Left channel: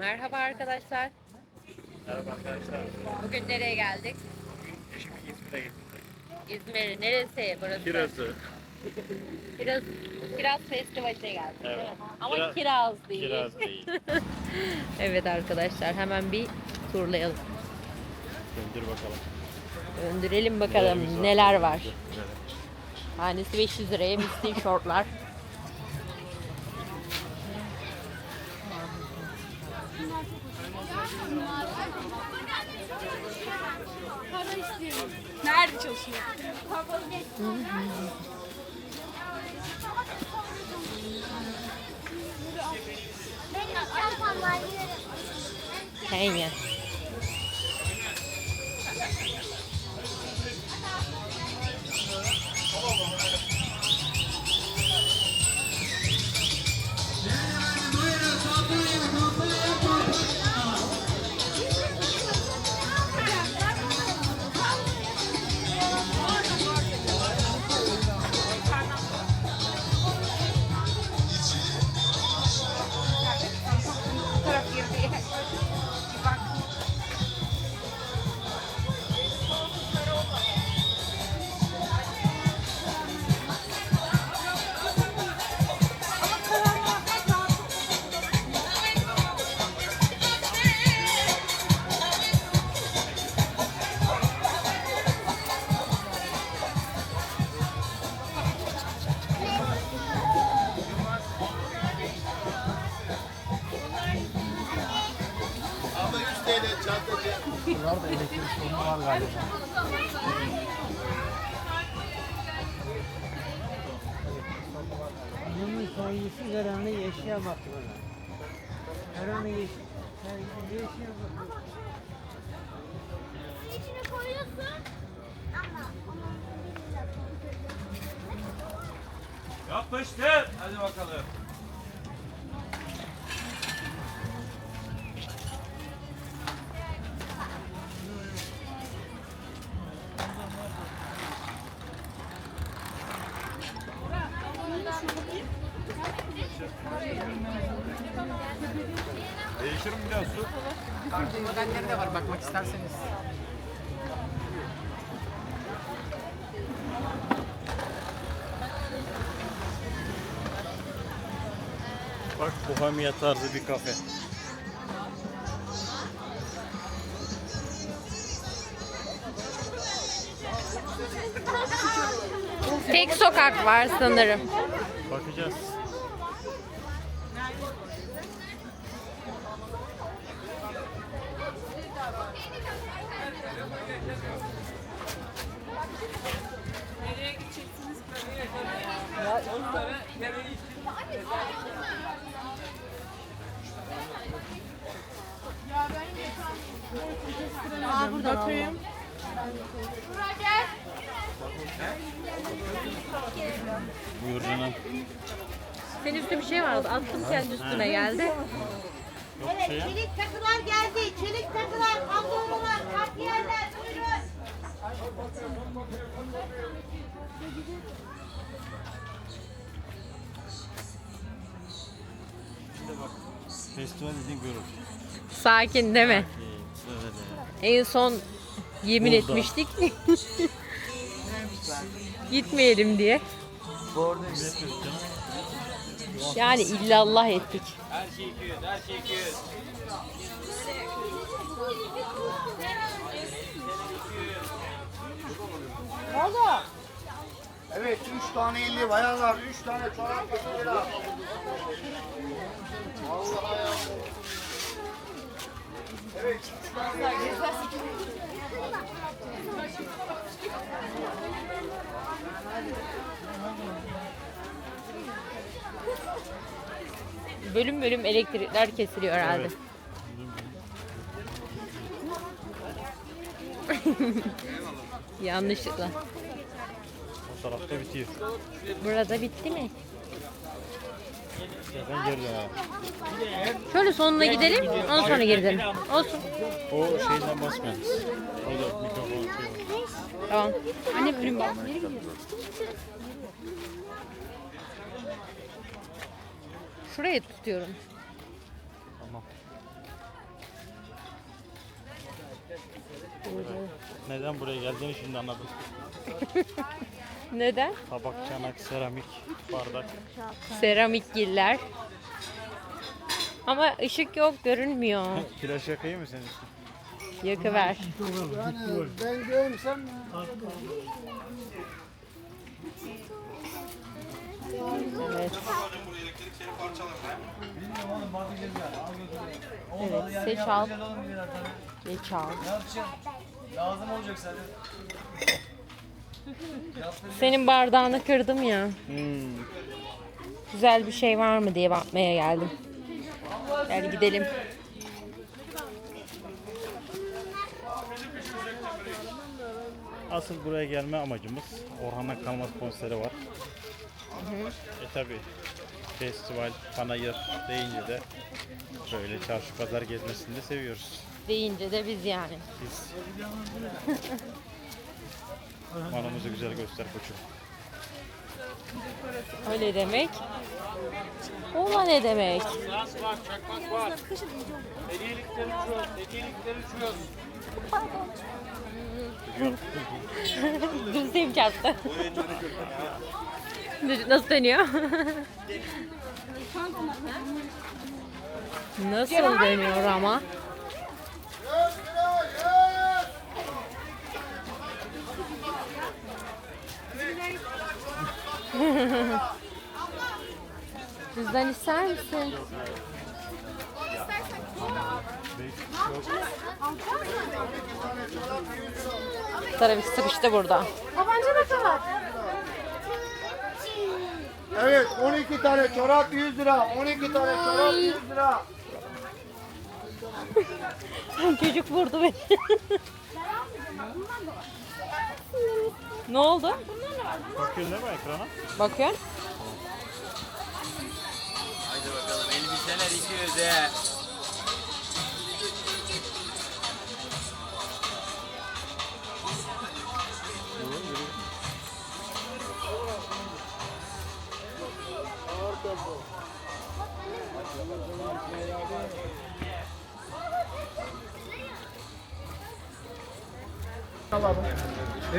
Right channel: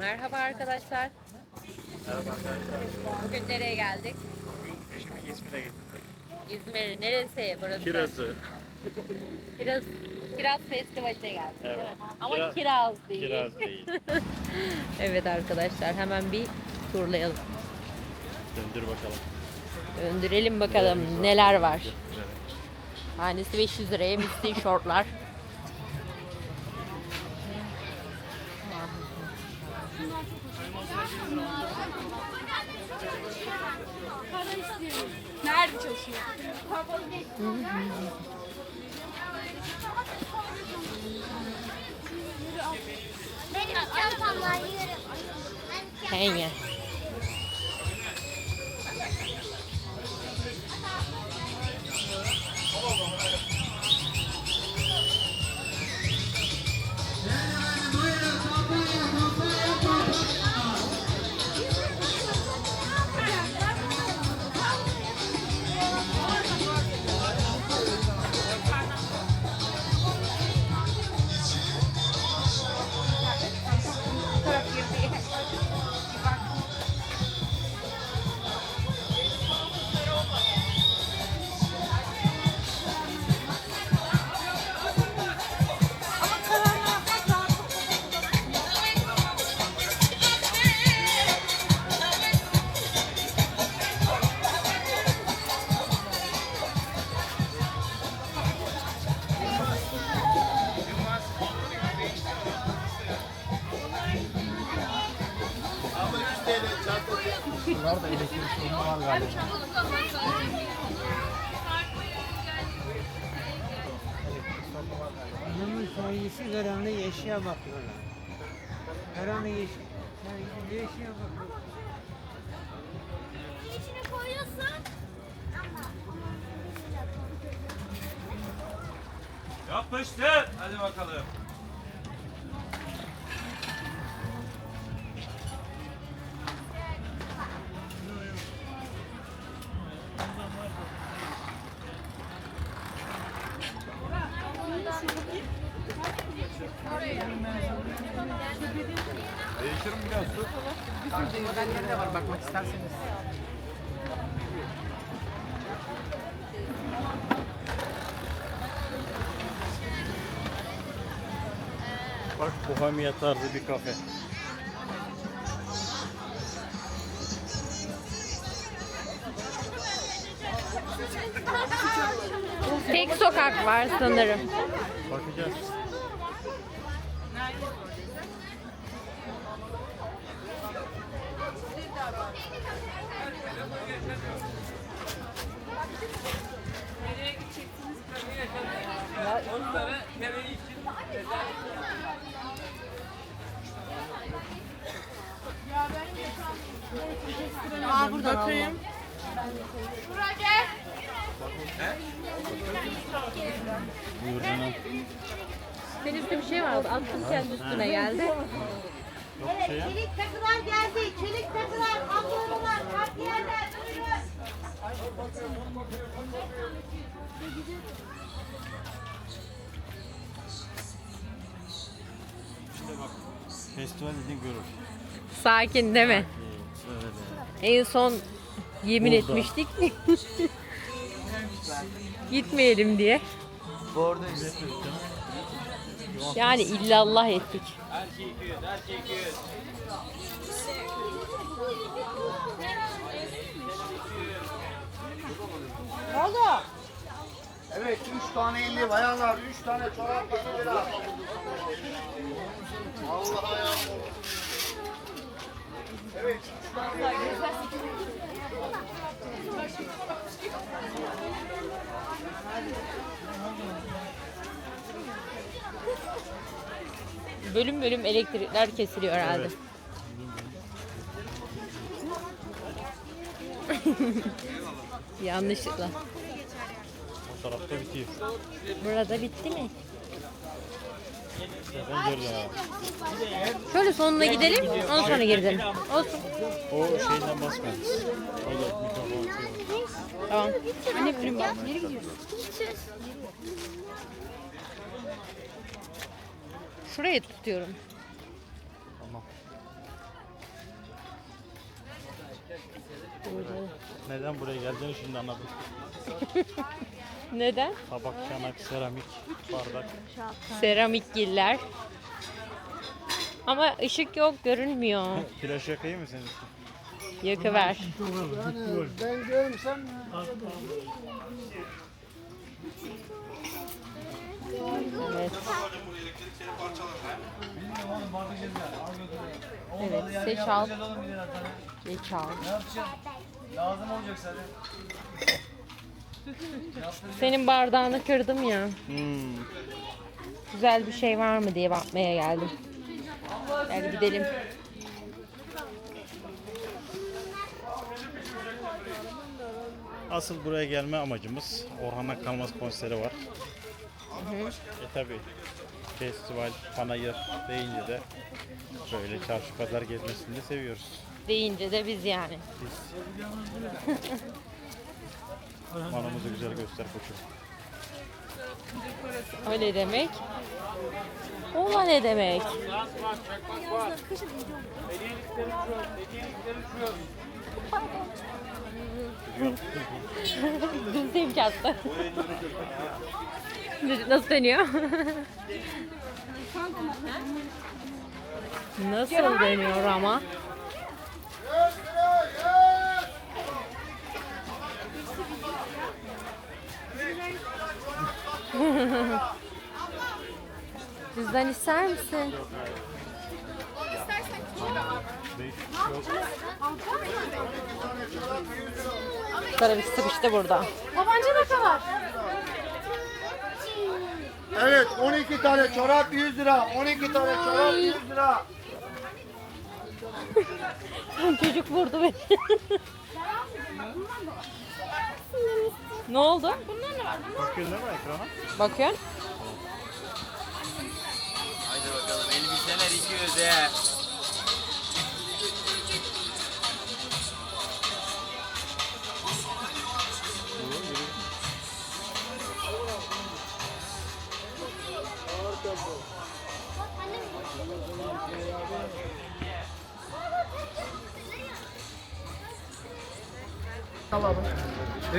Merhaba arkadaşlar. Merhaba arkadaşlar. Bugün nereye geldik? Eşimi İzmir'e getirdim. İzmir neresi burası? Kirazı. Kiraz, Kiraz Festivali'ne geldik. değil mi? Evet. Ama Kiraz- kiraz değil. Kiraz değil. evet arkadaşlar hemen bir turlayalım. Döndür bakalım. Döndürelim bakalım neler var. Tanesi 500 liraya misli şortlar. Bunlar da elektrik sorunu var galiba. Bunun sonrası önemli eşya bakıyorlar. Önemli eşya. Yani eşya bakıyorlar. Yapıştır. Hadi bakalım. Değiştirin biraz su. Farklı modeller de var bakmak isterseniz. Bak bohemia tarzı bir kafe. Tek sokak var sanırım. Bakacağız. Aa burada bakayım. Buyur canım. Senin üstünde bir şey vardı. Attım kendi üstüne geldi. Ya. Çelik takılar geldi. Çelik takılar, kablolar, takviyeler. Buyurun. Festival dediğin görür. Sakin değil mi? Evet. En son yemin Burada. etmiştik. Gitmeyelim diye. Yani illallah ettik. Evet 3 tane 50 bayanlar 3 tane çorap 50 lira. Evet 3 tane 50 Bölüm bölüm elektrikler kesiliyor herhalde. Yanlışlıkla. O tarafta bitiyor. Burada bitti mi? Telefon geri. Şöyle sonuna gidelim, ondan sonra geri dönelim. Olsun. O şeyden basmayın. O da mikrofon. Tamam. Anne bölüm bak. Şuraya tutuyorum. Tamam. Neden buraya geldiğini şimdi anladım. Neden? Tabak, çanak, seramik, bardak. Seramik giller. Ama ışık yok görünmüyor. Flaş yakayım mı senin için? Yakıver. Ben görmsem Evet. Evet, seç al. Geç al. lazım olacak zaten. Senin bardağını kırdım ya. Hmm. Güzel bir şey var mı diye bakmaya geldim. Hadi gidelim. Asıl buraya gelme amacımız Orhan'ın Kalmaz konseri var. E tabi festival, panayır deyince de böyle çarşı pazar gezmesini de seviyoruz. Deyince de biz yani. Biz. Malımızı güzel göster koçum. Öyle demek. Ola ne demek? Düzeyim çarptı. Nasıl dönüyor? Nasıl dönüyor ama? Cüzdan ister misin? Tabii sıkıştı burada. Tabanca ne kadar? Evet 12 tane çorap 100 lira. 12 tane çorap 100 lira. Çocuk vurdu beni. ne oldu? Bakıyorsun değil mi ekrana? Bakıyorsun. Haydi bakalım elbiseler 200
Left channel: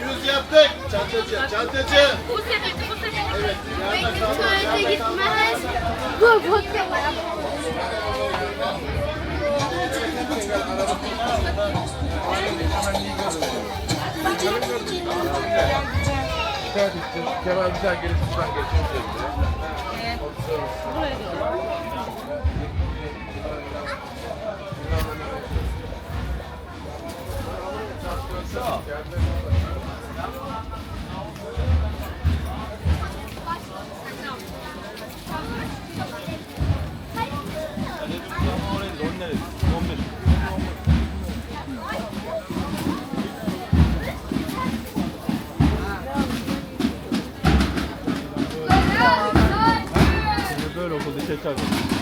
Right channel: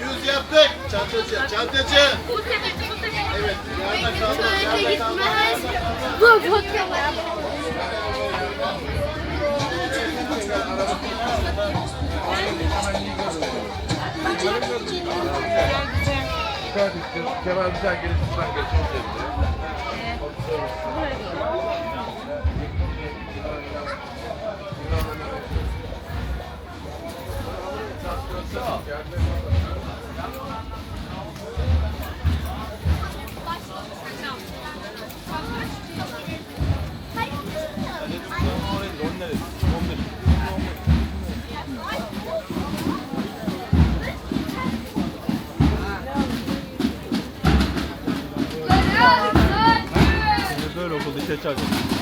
Yüz yaptık. Çantacı, çantacı. Peki tuvalete gitmez. Bu bakıyorlar. Kemal güzel gelip lütfen geçmek Böyle 이상입 니.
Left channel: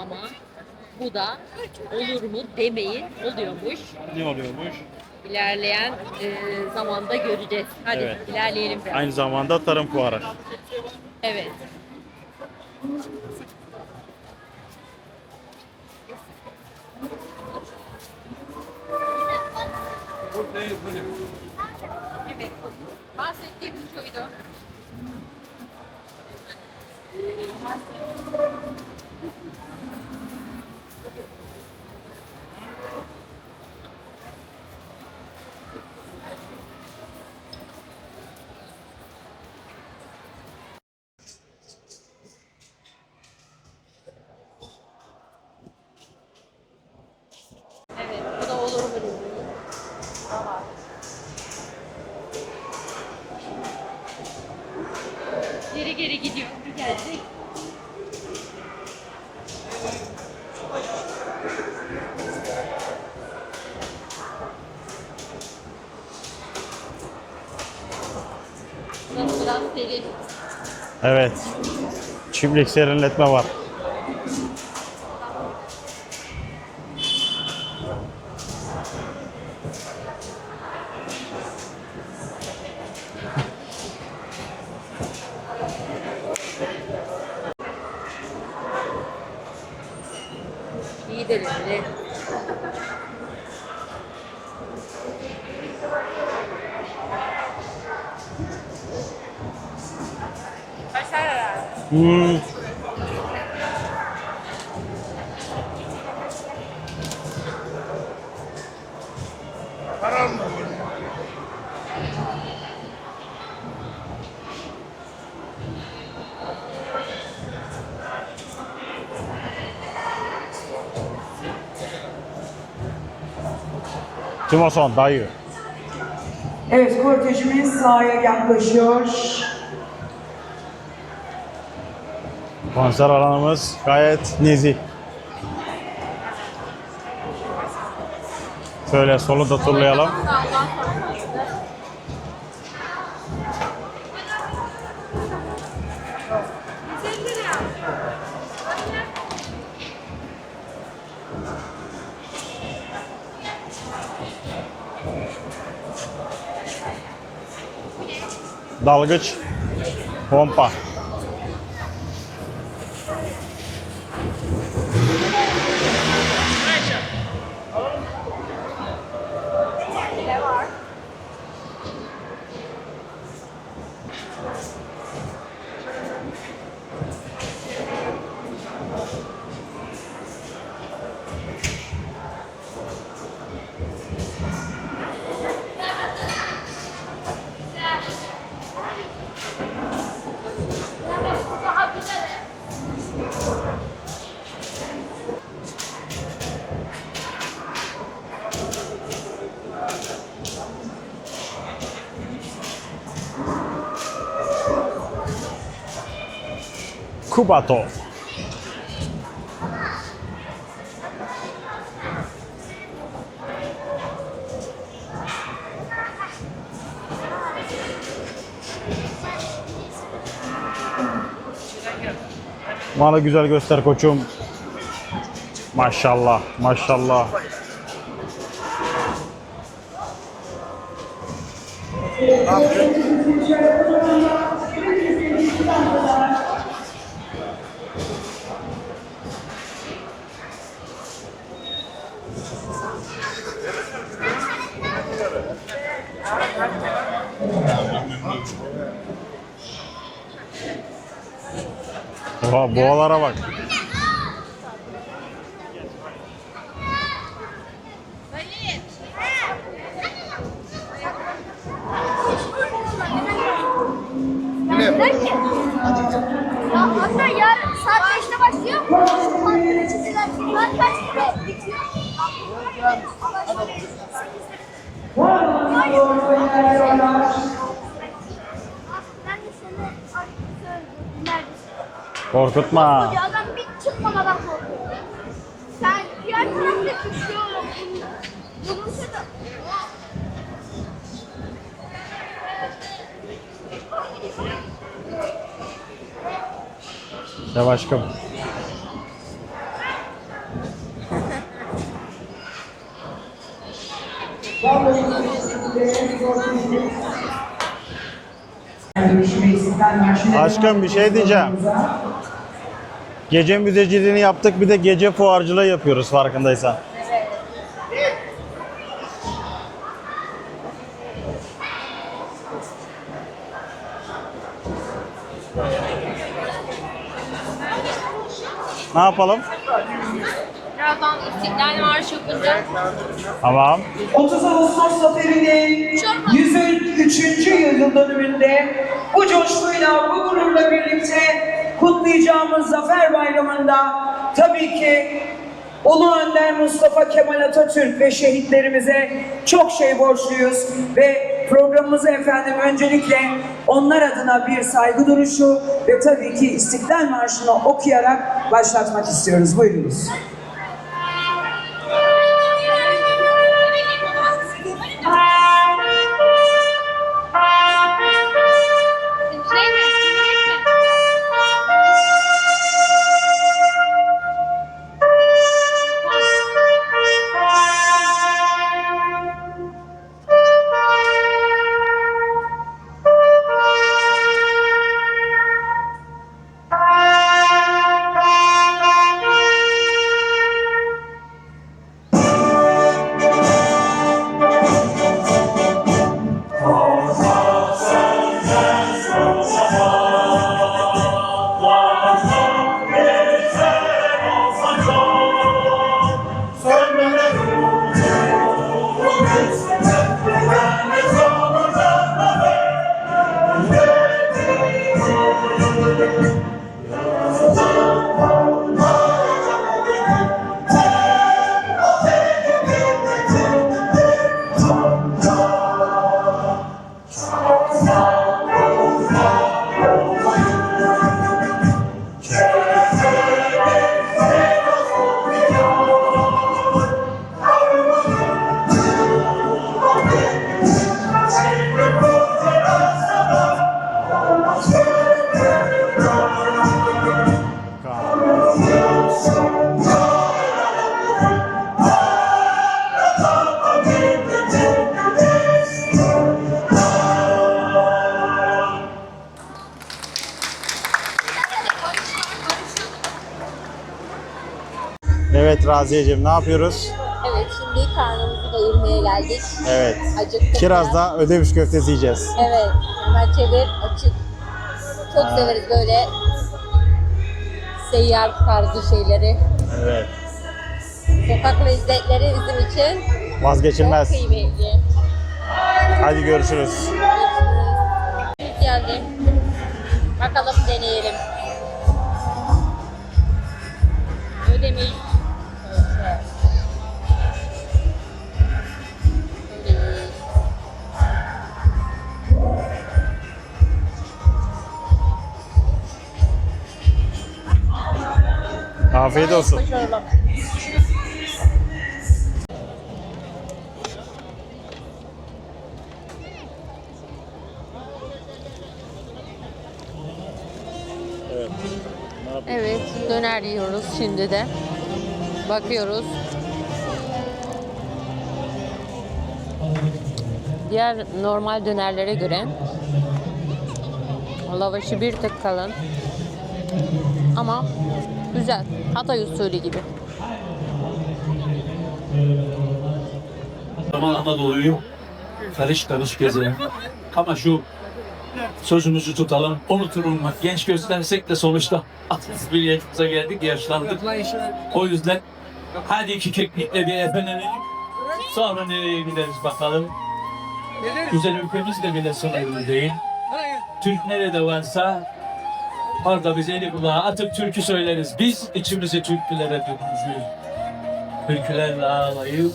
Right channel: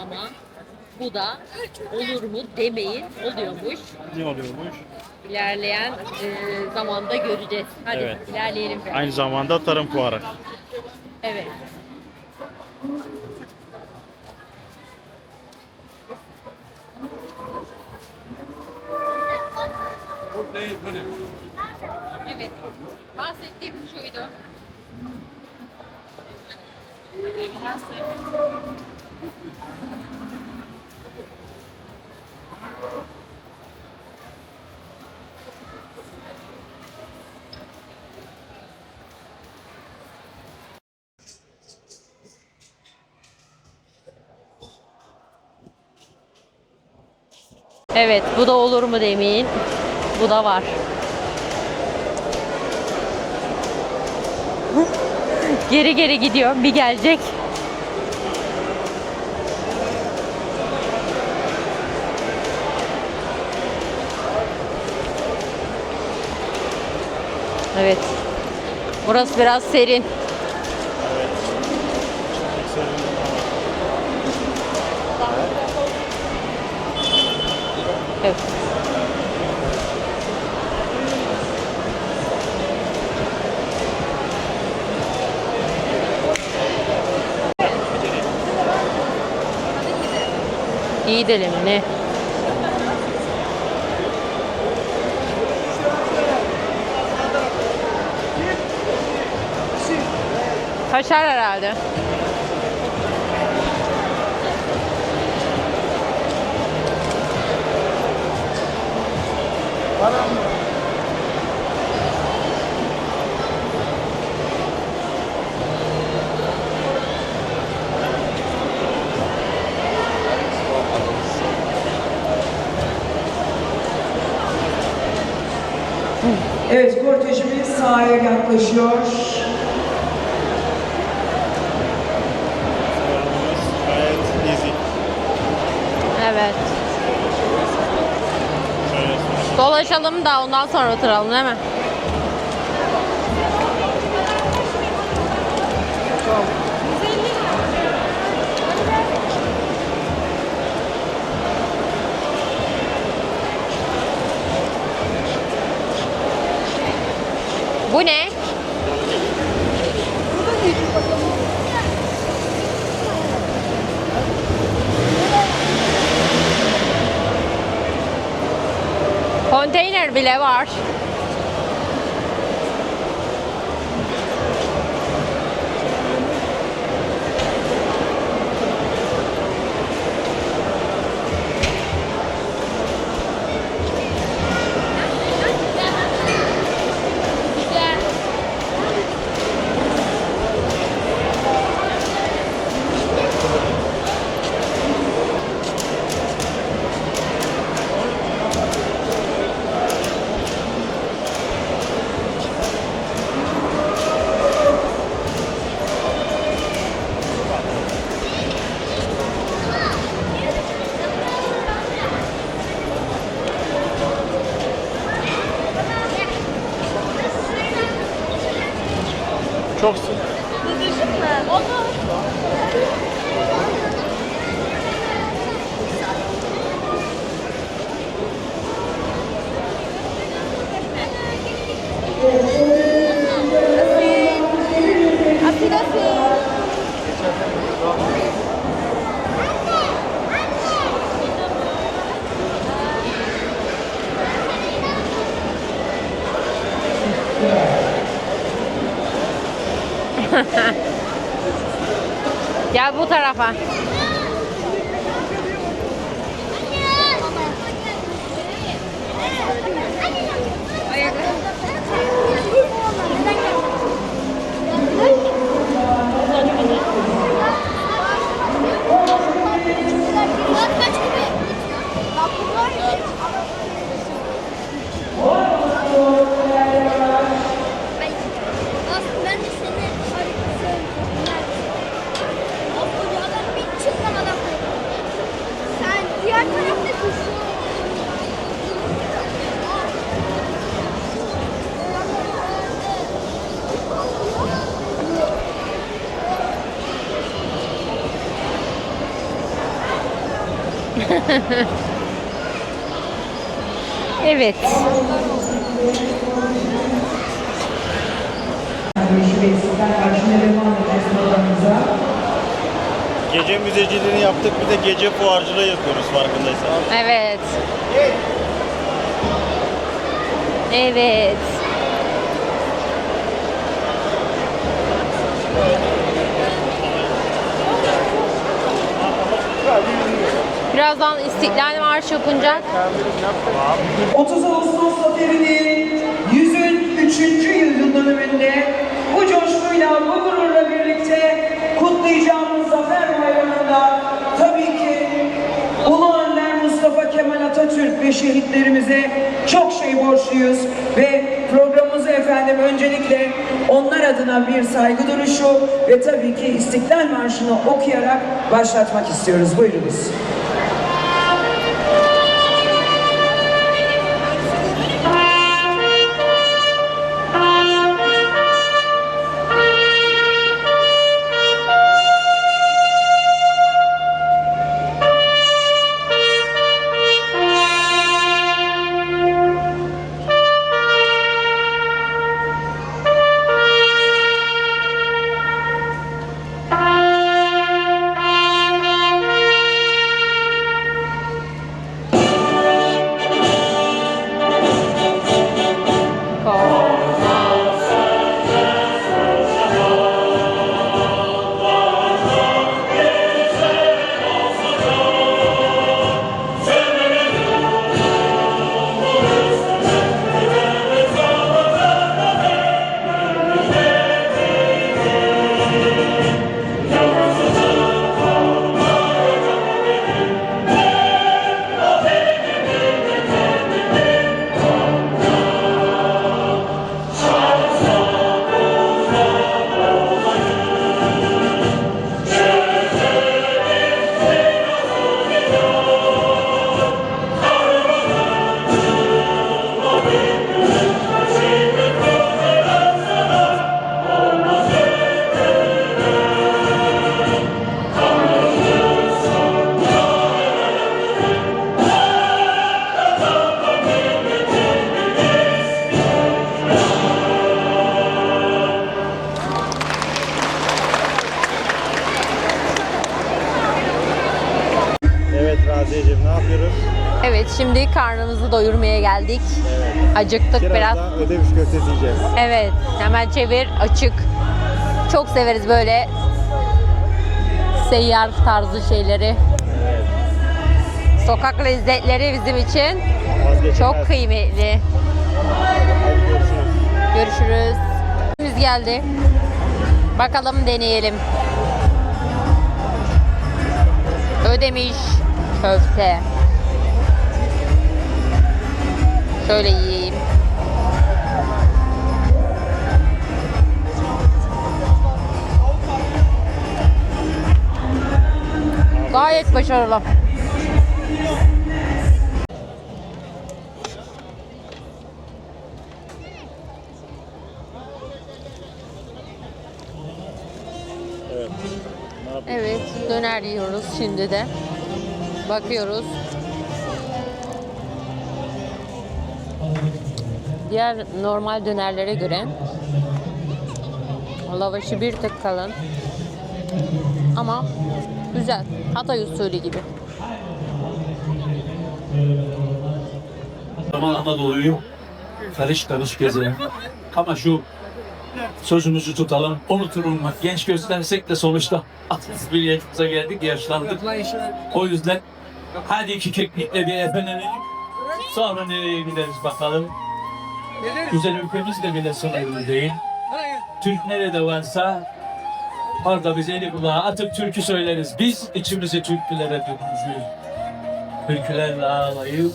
Ama bu da olur mu demeyin oluyormuş. Ne oluyormuş? İlerleyen e, zamanda göreceğiz. Hadi Evet. ilerleyelim. biraz. Aynı zamanda tarım fuarı. Evet. Evet. Bahsettiğim şuydu. Evet, bu da olur mu demeyin. Bu da var. geri geri gidiyor. Bir gelecek. Evet. Burası biraz serin. Evet. Çimlik serinletme var. Evet. İyi deneme ne? Kaşar herhalde. Hmm. Timoson dayı. Evet, kortejimiz sahaya yaklaşıyor. Konser alanımız gayet nezih. Evet. Şöyle solunda turlayalım. Dolaşalım da ondan sonra oturalım değil mi? Bu ne? Dalgıç. Pompa. Konteyner bile var. Kubato. Çok Bana güzel göster koçum. Maşallah, maşallah. Dua- Gel bu dualara bak. tarafa. Anne ya saat kaçta başlıyor? Saat kaç gibi? Ben de seni arıyorum. Korkutma. Ya adam bir çıkmadan Sen diğer tarafta düşüyor. Sev aşkım. Evet. Aşkım bir şey diyeceğim. Gece müzeciliğini yaptık bir de gece fuarcılığı yapıyoruz farkındaysan. Evet. Evet. Ne yapalım? Birazdan İstiklal Marşı okunacak. Tamam. 30 Ağustos Zaferi'nin 103. yıl dönümünde bu coşkuyla, bu gururla birlikte kutlayacağımız Zafer Bayramı'nda tabii ki Önder Mustafa Kemal Atatürk ve şehitlerimize çok şey borçluyuz ve programımızı efendim öncelikle onlar adına bir saygı duruşu ve tabii ki İstiklal Marşı'nı okuyarak başlatmak istiyoruz. Buyurunuz. Evet Raziyeciğim ne yapıyoruz? Evet şimdi karnımızı doyurmaya geldik. Evet. Acıktık biraz. Kirazda ödemiş köftesi yiyeceğiz. Evet hemen çevir açık. Çok severiz böyle seyyar tarzı şeyleri. Evet. Sokak lezzetleri bizim için çok Vazgeçilmez. kıymetli. Hadi görüşürüz. Görüşürüz. Biz geldi. Bakalım deneyelim. Ödemiş köfte. Şöyle yiyeyim. Afiyet Gayet olsun. başarılı. Evet. Evet, döner yiyoruz şimdi de. Bakıyoruz. Diğer normal dönerlere göre lavaşı bir tık kalın. Ama güzel. Hatay usulü gibi. Zaman Anadolu'yu karış karış gezelim. Ama şu sözümüzü tutalım. Unutulmak genç göstersek de sonuçta 61 yaşımıza geldik, yaşlandık. O yüzden hadi iki keklikle bir efelenelim. Sonra nereye gideriz bakalım. Güzel ülkemiz de bile sınırlı değil. Türk nerede varsa orada biz eli kulağa atıp türkü söyleriz. Biz içimizi türkülere dökmüşüz. Türkülerle ağlayıp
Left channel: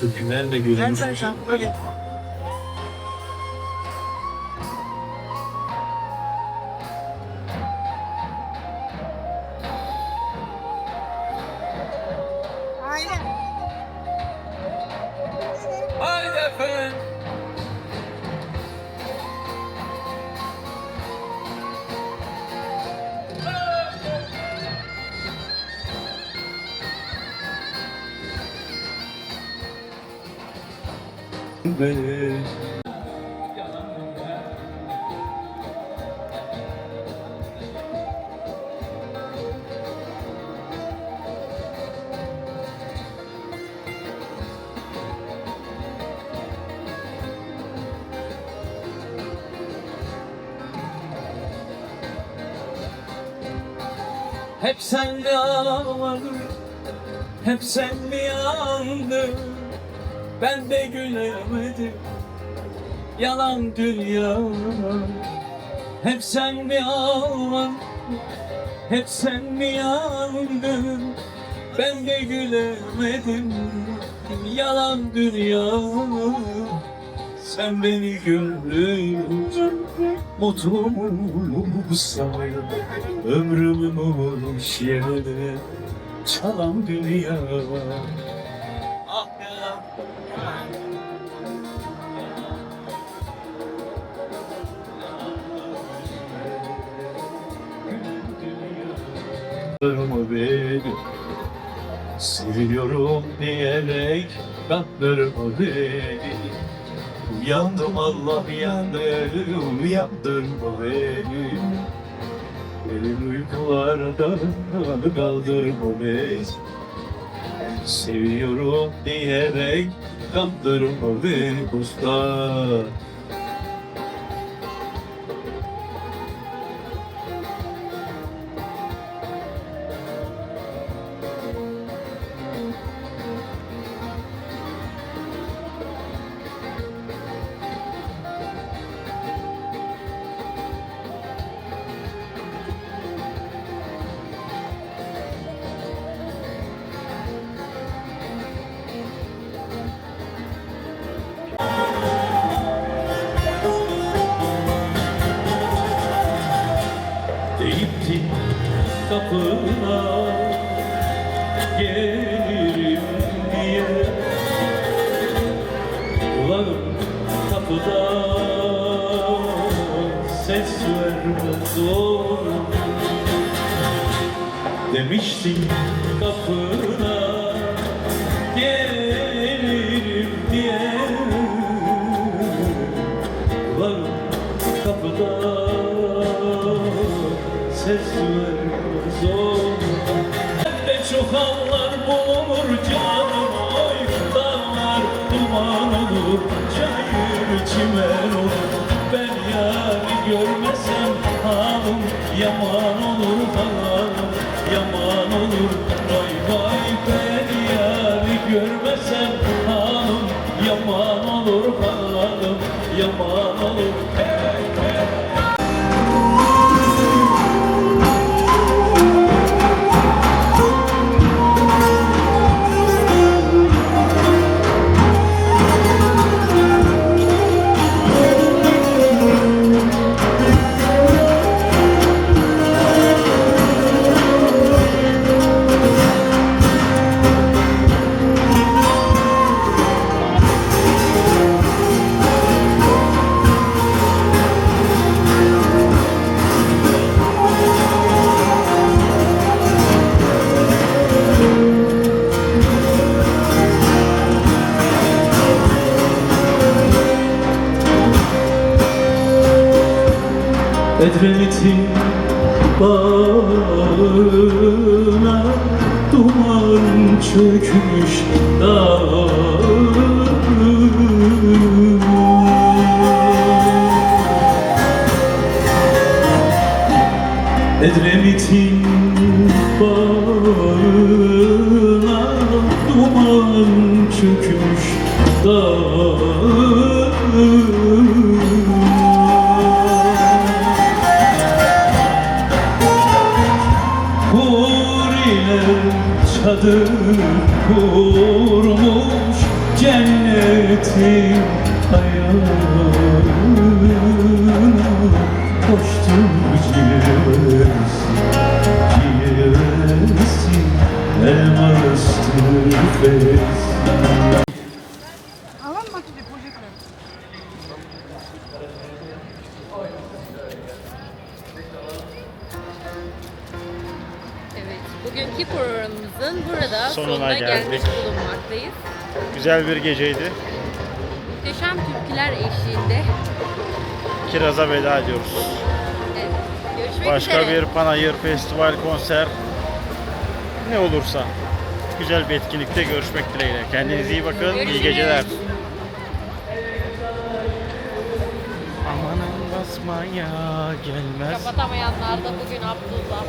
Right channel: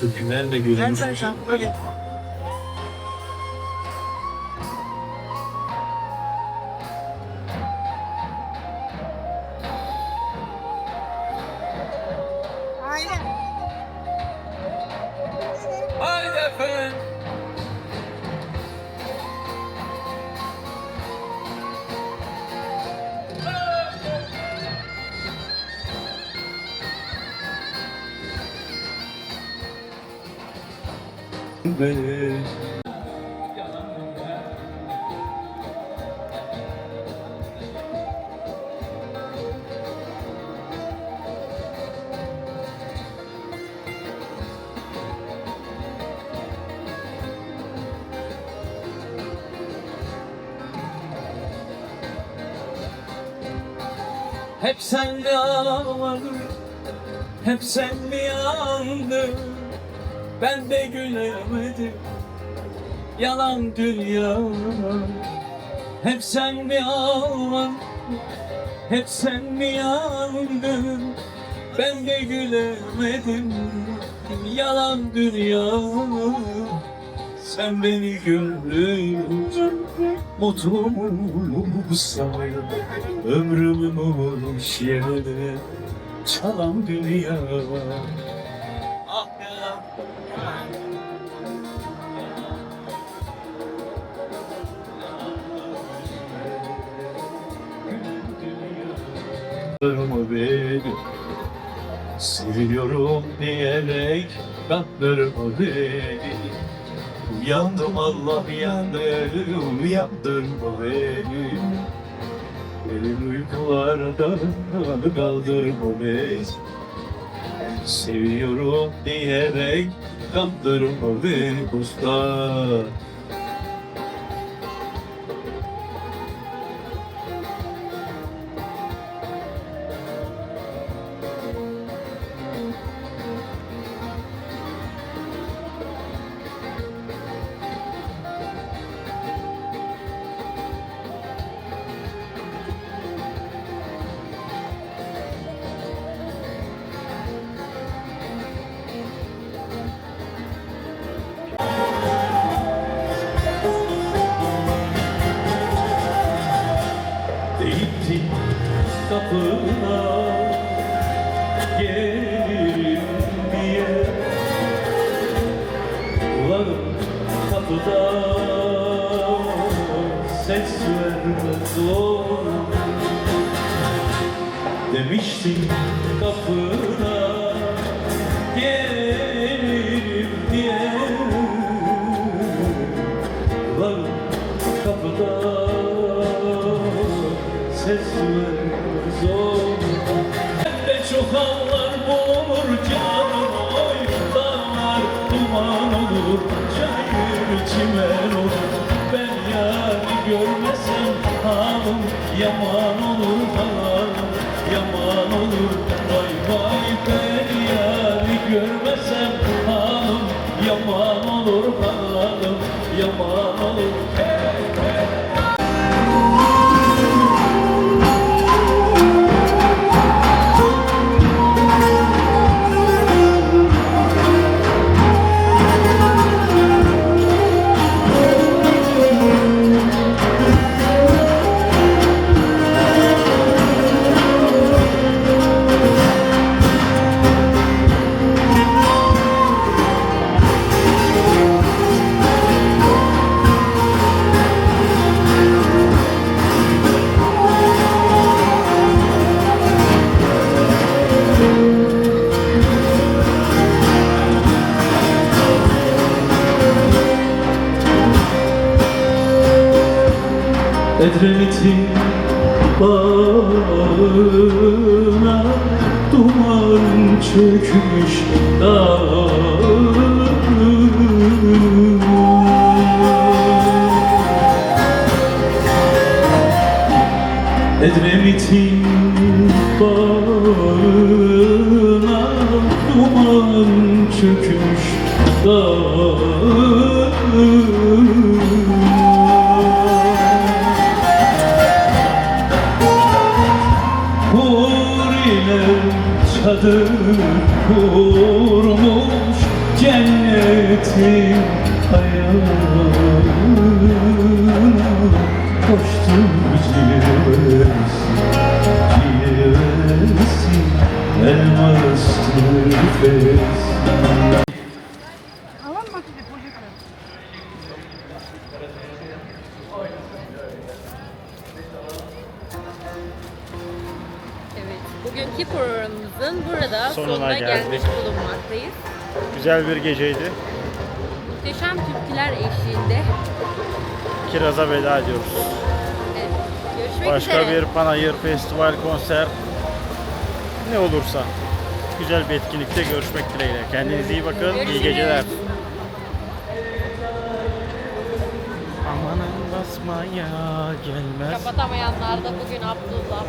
Türkülerle gülmüşüz. Be. Hep sen mi ağladın, hep sen mi Ben de gülemedim, yalan dünya Hep sen mi ağladın, hep sen mi yandın? Ben de gülemedim, yalan dünya Sen beni güldürünce mutlu mu sayın Ömrümün olmuş yerine çalan dünya Ah Kandırma beni Seviyorum diyerek Kandırma beni Uyandım Allah yandım Uyandırma beni Elin uykularda kaldırma beni Seviyorum diyerek kandırma beni usta Yaman olur hanım Yaman olur Edremit'in bağına duman çökmüş dağ Edremit'in çadır kurmuş cennetin ayağına Koştum ciğersin, ciğersin Elmas tüfesin Sonuna geldik. gelmiş bulunmaktayız. Güzel bir geceydi. muhteşem türküler eşliğinde. Kiraz'a veda ediyoruz. Evet. Görüşmek Başka üzere. bir panayır, festival, konser ne olursa güzel bir etkinlikte görüşmek dileğiyle. Kendinize iyi bakın. İyi Görüşürüz. geceler. Amanın basmaya gelmez. Kapatamayanlar da bugün Abdullah.